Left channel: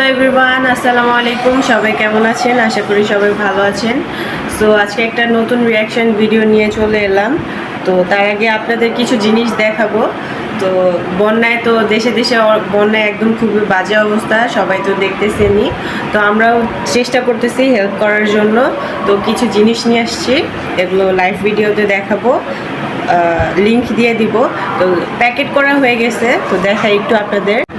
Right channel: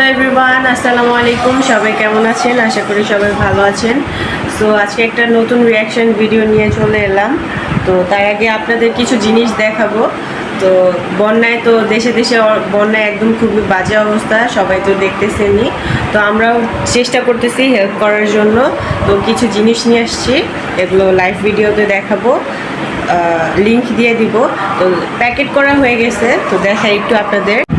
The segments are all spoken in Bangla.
হ্যালো এভরিওয়ান আসসালামু আলাইকুম সবাই কেমন আছেন? আশা করি সবাই ভালো আছেন। তো আজকে একটা নতুন রিয়াকশন ভিডিও নিয়ে চলে এলাম। তো, তার আগে আপনাদের কিছু জিনিস দেখাবো। তো, বন্যায় তো দেশে দেশে বন্যায় একদম খুবই বাজে অবস্থা। সবাই তো দেখতেছেনি তো, আমরাও চেষ্টা করতেছি হেল্প করার জন্য। তো, কিছু জিনিস নিয়ে আসছি। এগুলো লাইভ ভিডিওতে দেখাবো। লিংক দিয়ে দিব। তো প্যাকেট করা হয়ে গেছে। তো, দেখাই একটু আপনাদের।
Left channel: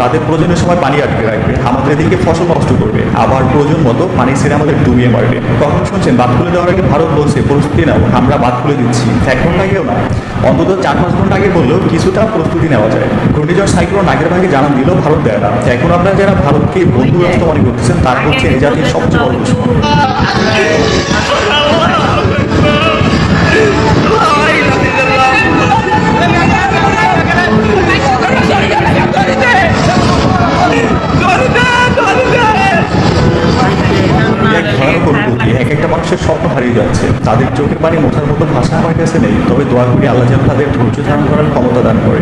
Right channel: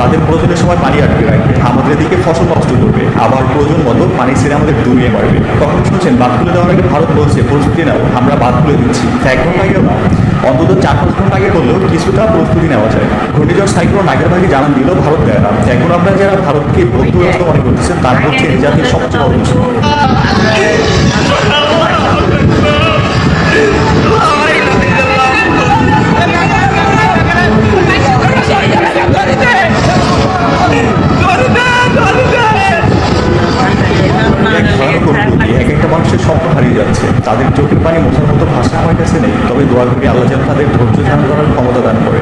তাদের প্রয়োজনের সময় পানি আটকে আমাদের এদিকে ফসল নষ্ট করবে। আবার প্রয়োজন মতো পানি ছেড়ে আমাদের দূরিয়ে মারবে কখন শুনছেন বাদ খুলে দেওয়ার আগে ভারত বলছে, প্রস্তুতি নাও, আমরা বাদ খুলে দিচ্ছি। এক ঘণ্টা আগেও না। অন্তত চার পাঁচ ঘণ্টা আগে বললেও কিছুটা প্রস্তুতি নেওয়া যায়। ঘূর্ণিঝড় সাইক্লোন আগের ভাগে জানান দিলেও ভারত দেয় না। এখন আমরা যারা ভারতকে বন্ধু রাষ্ট্র মনে করতেছেন, তার হচ্ছে এই জাতির সবচেয়ে বড় হারিয়ে যাচ্ছে। তাদের চোখে পানি নতুন মতো ভাষা আমার কাছে তবে দোয়া করি আল্লাহ যেন তাদের ধৈর্য ধারণ করার ক্ষমতা দান করে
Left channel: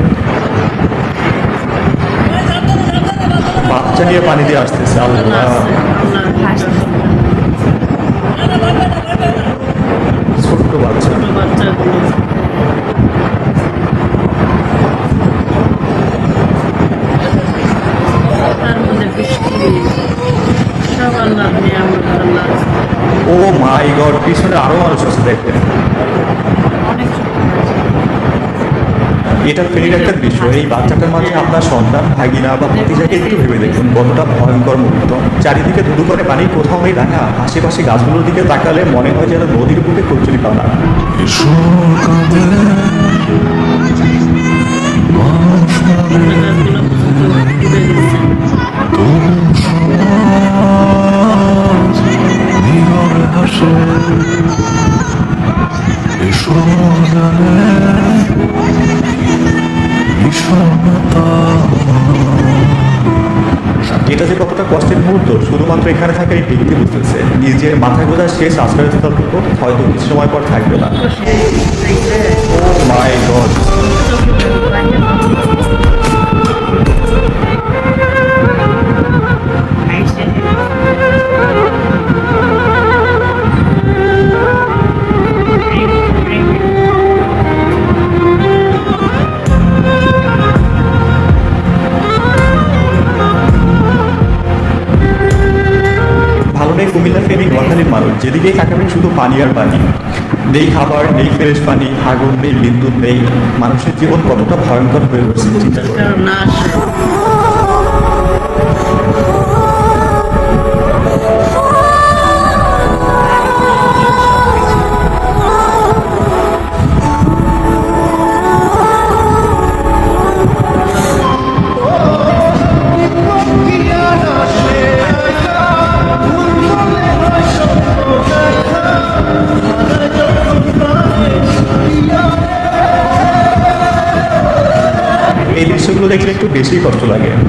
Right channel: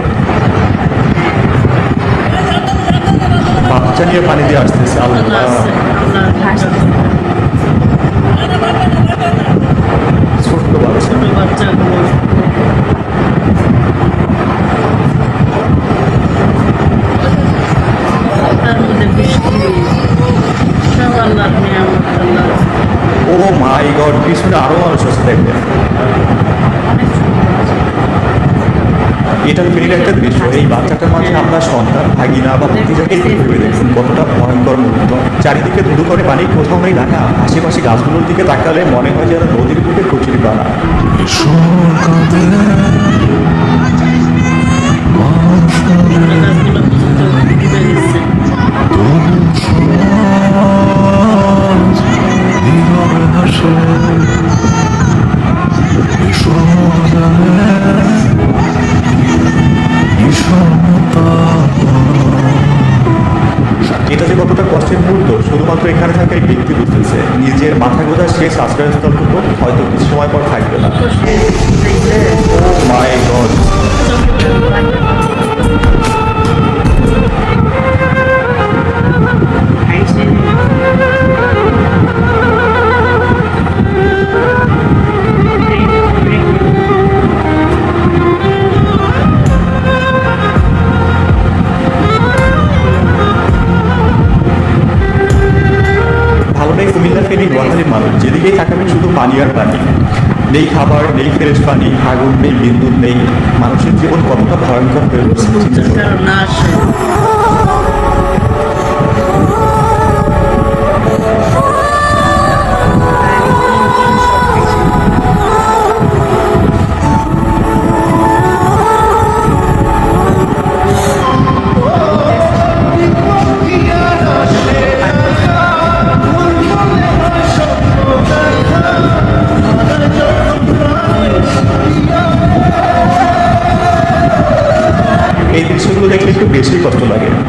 বাচ্চা নিয়ে পানিতে আসতেছে আল্লাহ ছোট্ট বাচ্চা ছোট বাচ্চাগুলো তার মধ্যে বৃষ্টি সব আল্লাহ নিয়ামত আল্লাহ ও মাই গড পিছনে আরও মানুষ আছে দেখবেন অনেক ছোট এটা ফিরে একটা বিষয় এই বাচ্চাটার মাঝে আমরা সন্তান ভাগিনা বা ভতিজাকে ভেবে দেখুন কতটা ভয়ঙ্কর মুহূর্ত। চারিদিকে ধুধু করে পানি কোথাও হয় ঢাকা আশেপাশে গাছগুলোর দিকে তাকালে মনে হয় যেন নদীর বুকে। কচুরি পানা এগুলো মানুষের জীবন কতটা ভয়ঙ্কর হয়ে উঠছে চিন্তা না।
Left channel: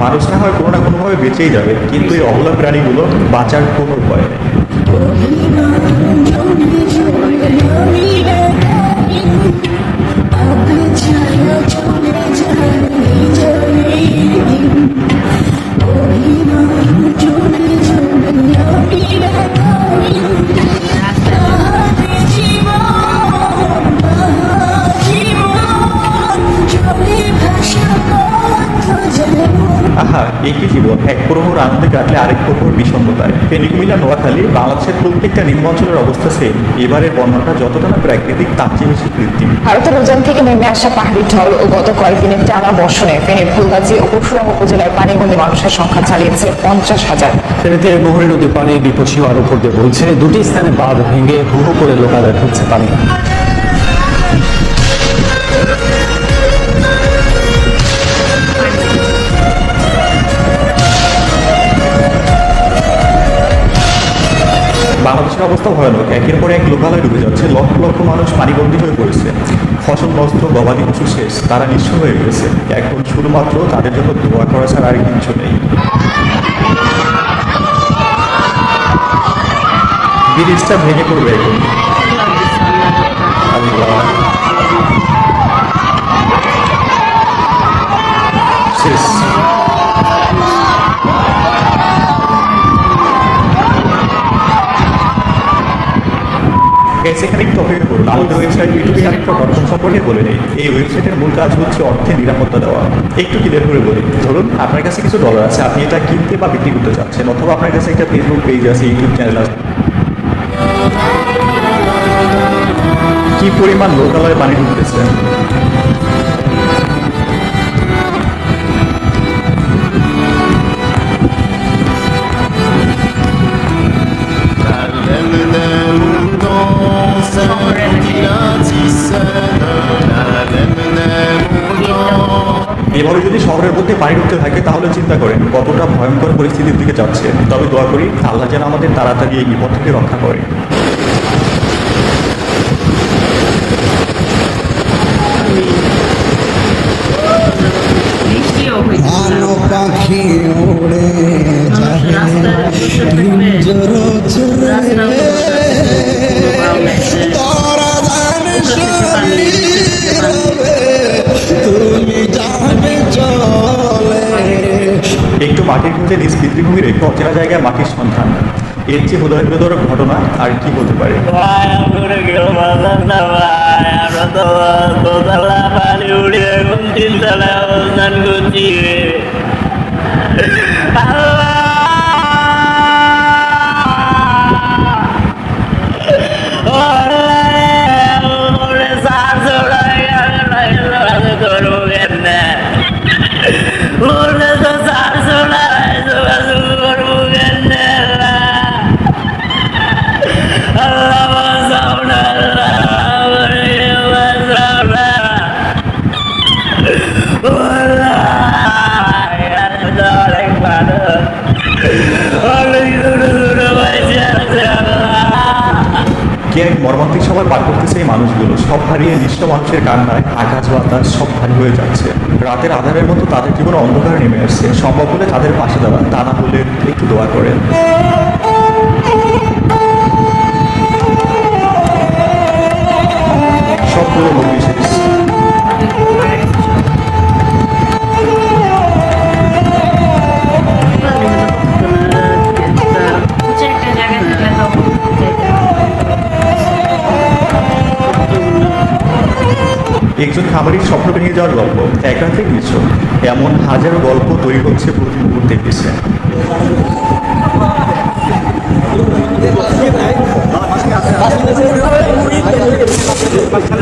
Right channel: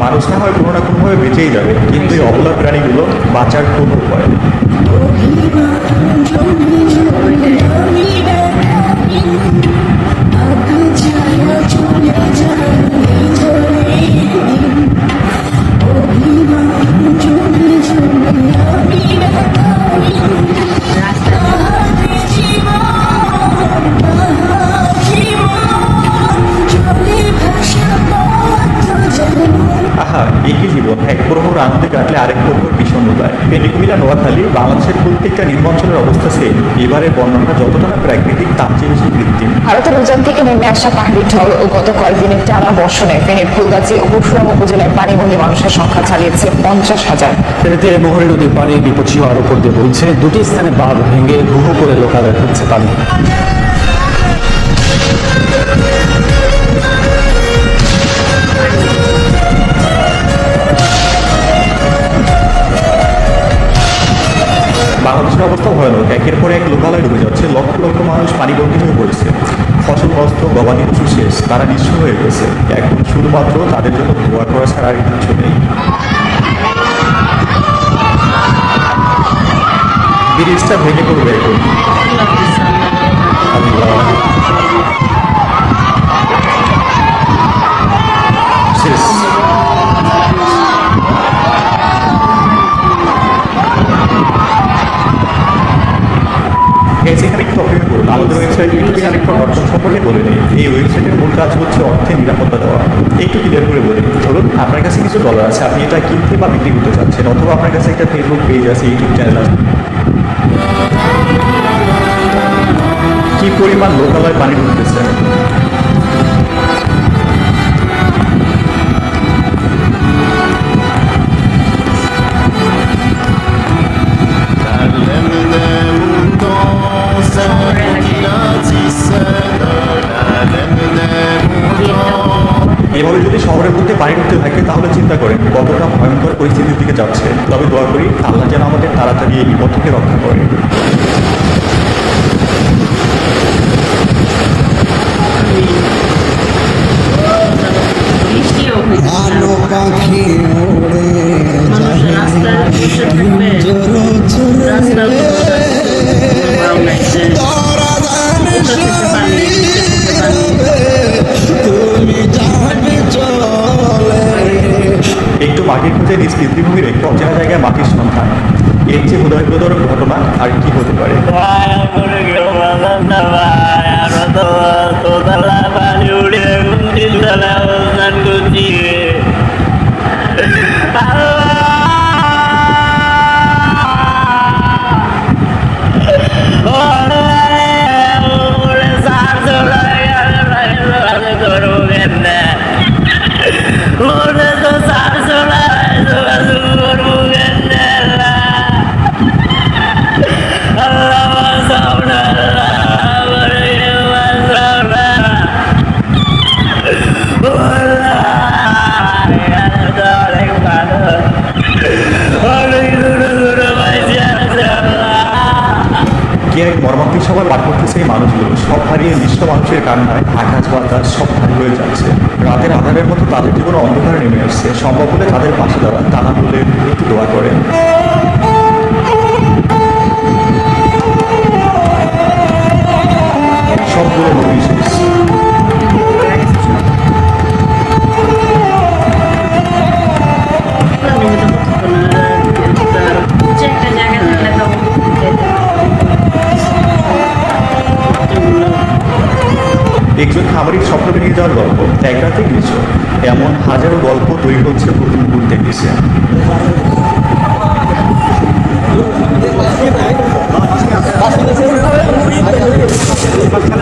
মানুষ না হয় কোনো রকমভাবে বেঁচেই যাবে। কিন্তু এই অবলা প্রাণীগুলো বাঁচার কোনো এবারে বর্ণনা যতটা প্রাকৃতিক তার চেয়ে কৃত্রিম। ভারতের উজান থেকে নেমে আসা পাহাড়ি ঢল ও গত কয়েকদিনের টানা বর্ষণে ফেনী ফুলগাছি ও পরশুরাম পানিবহী মানুষের সংখ্যা ছাড়িয়েছে পঞ্চাশ হাজার। ফেনীতে মোহনী নদীর পানি বিপদসীমার উপর দিয়ে বলছে। দুটি স্থানে বাঁধ ভেঙে বহু করে লোকালয় পানি। নষ্ট গবাদি পশু শেষ। তারা নিঃস্ব হয়ে গেছে। এখন শুধুমাত্র তাদের জন্য দোয়া করা ছাড়া আর কিছু নেই। ব্রিজটা ভেঙে পড়বে। শেষ। আমাদের ওয়েবসাইট ইউটিউবে আরেকটা সম্পর্কে বলে নেই। এই ওয়েবসাইটের মূল কাজ হচ্ছে অর্থে নিরাপত্তা দেওয়া। একটু ক্লিয়ার করে বলি? ধরুন, আপনার কাছে কিছু ডলার আছে। আপনি এটা কিনতে বা বিক্রি করতে চাচ্ছেন, অথবা আপনার কাছে একটা ফেসবুক পেজ আছে ইউটিউব চ্যানেল আছে। কি পরিমাণ লোকালয় নিতেছে প্রতি থাকে তাহলে চিন্তা করেন, কতটা ভয়ঙ্কর পরিস্থিতির দিকে যাচ্ছে। তবে দোয়া করি, আল্লাহ যেন আমাদের তাড়াতাড়ি এই বিপদ থেকে রক্ষা করে। রাস্তাও তো পানি পানি একটু মাটি খুঁজে নিজ পৃথিবীর একটু অচেনা জায়গায় মাটির সন্ধান এর চেয়ে হয় ঘটনা আর কি হতে পারে কে পরবর্তী সময় বার করতে সেই মানুষগুলো সব হারিয়ে নিঃস্ব মানুষের কারণে আকাশ বাতাস সব হারিয়ে হয়ে যাচ্ছে। রাতের আধানের মতো তাদের জীবনে অন্ধকার নেমে আসছে। সম্ভব হলে তাদের পাশে দাঁড়ান। তারা বললেন, একটু দোয়া করেন। সকলের ভারতের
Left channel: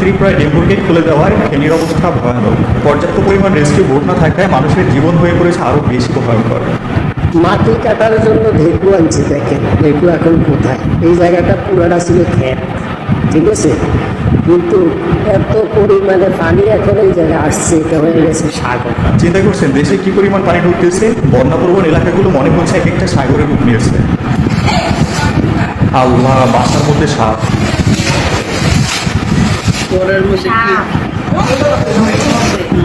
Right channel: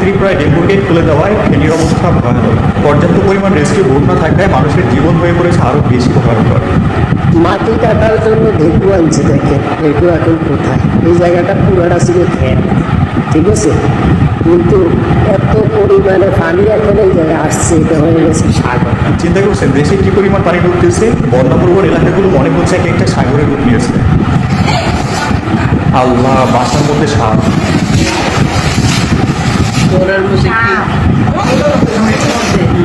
ত্রিপুরায় ডেঙ্গুকে তুলে দেওয়ায় ফেনীর অবস্থা ভয়ানক পর্যাপ্ত পরিমাণ রেস্টে ভোট না থাকলে মানুষের জীবন হয়ে পড়েছে আরও বেশি ভয়ঙ্কর মাটি কাটার জন্য ভেটু আনছে দেখেন। ভেটু এখন কোথায়? এই জায়গাটা পুরাটা ছিল। ঠিক আছে? এত পরিমাণে পানি এখন এই জায়গায় আসছে এটা গেছে সাগর চিন্তা করছেন দেশে কি পরিমাণ পানি ঢুকতেছে? বন্যা এলাকাগুলো মনে হচ্ছে এক একটা সাগরের রূপ নিয়েছে। আল্লাহ বাস্তব করতে সাহায্য করার মধ্যে কি?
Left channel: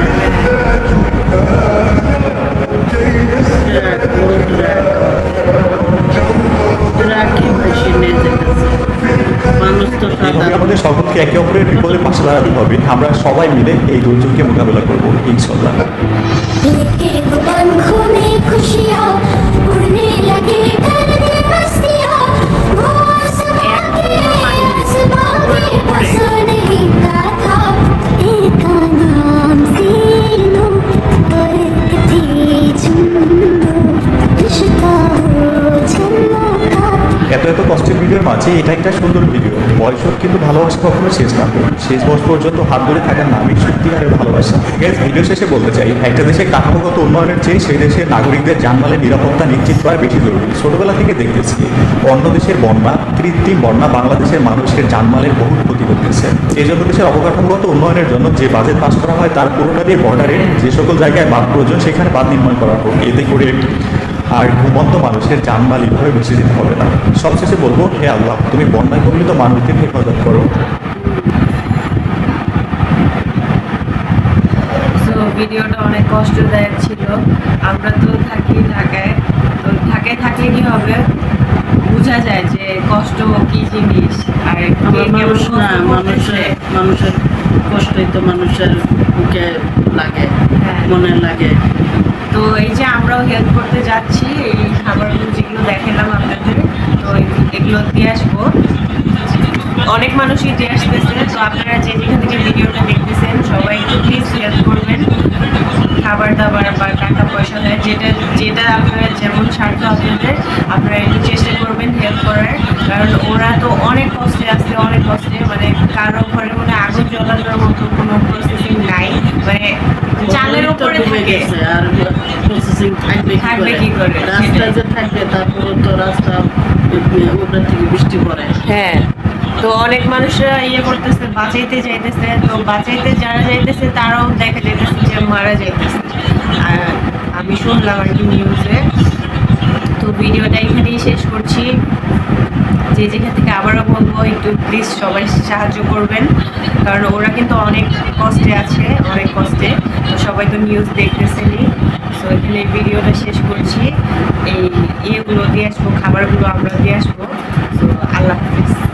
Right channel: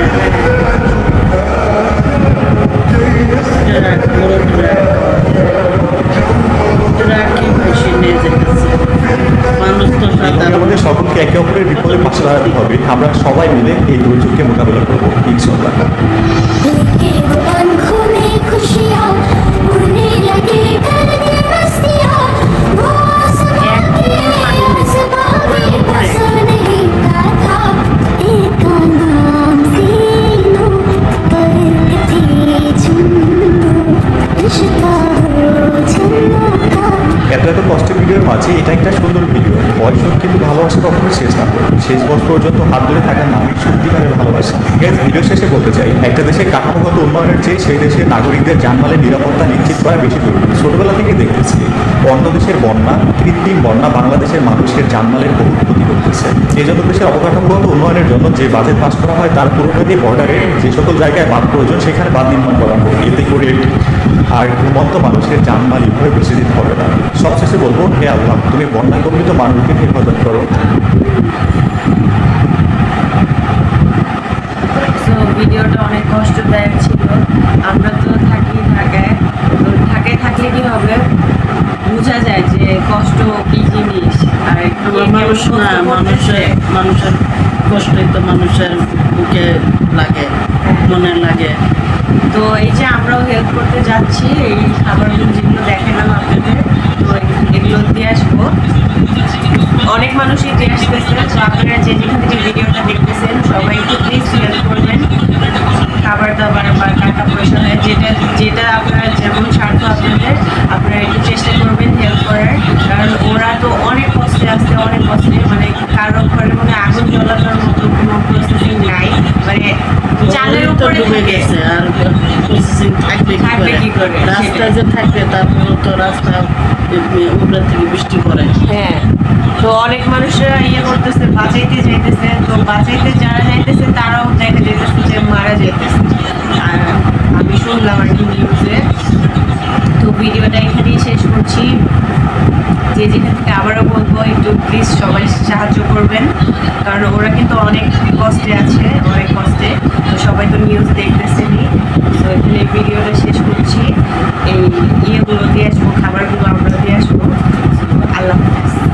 মানুষ তো একে অপরের বিপদে পাশে দাঁড়াতে হবে। আমরা সবাই মিলে এই দুর্যোগকে মোকাবিলা করব। ইনশাল্লাহ এত এত কষ্টের ভিডিওর মাঝে এটা একটা সুন্দর ভিডিও বয়সক কিন্তু ভালোবাসা কখনো শেষ না। শেষ বয়স পর্যন্ত হাত ধরে থাকার নামই সত্যিকারের ভালোবাসা। এর ভিডিও শেষে বলতে চাই, একটা দেশের কাঠামোগত উন্নয়নের চেয়ে সেই দেশের নাগরিকদের জানমালের নিরাপত্তা নিশ্চিত করা বেশি জরুরি। ছোটবেলা থেকে দেখতেছি অন্য দেশের বন্যা কৃত্রিম বন্যা বাংলাদেশের মানুষের জানমালের বহু ক্ষতি করতেছে। এই জন্য দেশের অবকাঠামোগত উন্নয়নের জন্য যে বাজেট পাস করা হয়, তার পুরোটা দিয়ে বর্ডারে যে সকল জায়গায় বাদ প্রয়োজন সেখানে বাদ নির্মাণ করা হোক এতে করে আর ভূমন্ত মানুষের জানমাল এভাবে বেশি দিতে পারে না। সবশেষে বলব হে আল্লাহ তুমি বন্যা করলে তো মানুষকে হেফাজত করো। ভিডিওটা অনেক কষ্টদায়ক ছিল। আমরা তো থাকি ঢাকায় তো ঢাকায় থাকলে কি হবে। বোঝা যায় যে কষ্ট কি জিনিস আর মানুষ না মানুষের মানুষের কষ্টই তো মানুষের বুকে লাগে হ্যাঁ। মনে লাগে। তো এই যে আমরাও হেল্প করতে যাচ্ছি, এই খাবারগুলো যেগুলো দেখালাম আপনাদের। তো এগুলো দিয়ে আসব। অনেক মানুষই দিয়ে আসতেছে, তো আপনারা যে যেখান থেকে ভিডিওটা দেখতেছেন, সবাই একটু প্লিজ হেল্প করবেন। খাবার দাবার বা টাকা পয়সা, যেটা যেটা আপনারা যেমন স্বার্থ আপনাদের, আপনারা একটু করার কারণ ওরা তো অনেক কষ্টে আছে অনেক কষ্টে। মানে কারও ঘরে মানে আগুন জ্বলানোর মতো কোনো প্রসেসিং নাই। মানে চালের উপরে ডুবে গেছে আর প্রসেসিং থাকবে কি করে? রাস্তা যে থাকবে তারপর তো রাস্তা উপরে থেকে বৃষ্টি পড়ে। হ্যাঁ। তো অনেক মানুষরা ইয়ে করতেছে বাঁচাইতে যাইতেছে। তো বাঁচাইতে যারা যাইতেছে তারাও দেখা যেতেছে যে মারা যেতেছে আর আমি শুনলাম আর কি নিউজে তো ভিডিওটা এখানেই শেষ করছি। যে যেখান থেকে আবারও বলব, একটু প্লিজ সবাই সাহায্য করবেন। কারণ ওরা কিন্তু অনেক কষ্টে আছে, অনেক কষ্টে। তো সবাই তো নিউজ দেখতেছেনি তো এখানে ভিডিওটা শেষ করছি। এই ইয়েগুলো দিয়ে আসব, খাবারগুলো আমরা দিয়ে আসব। তো আল্লাহ হাফিজ।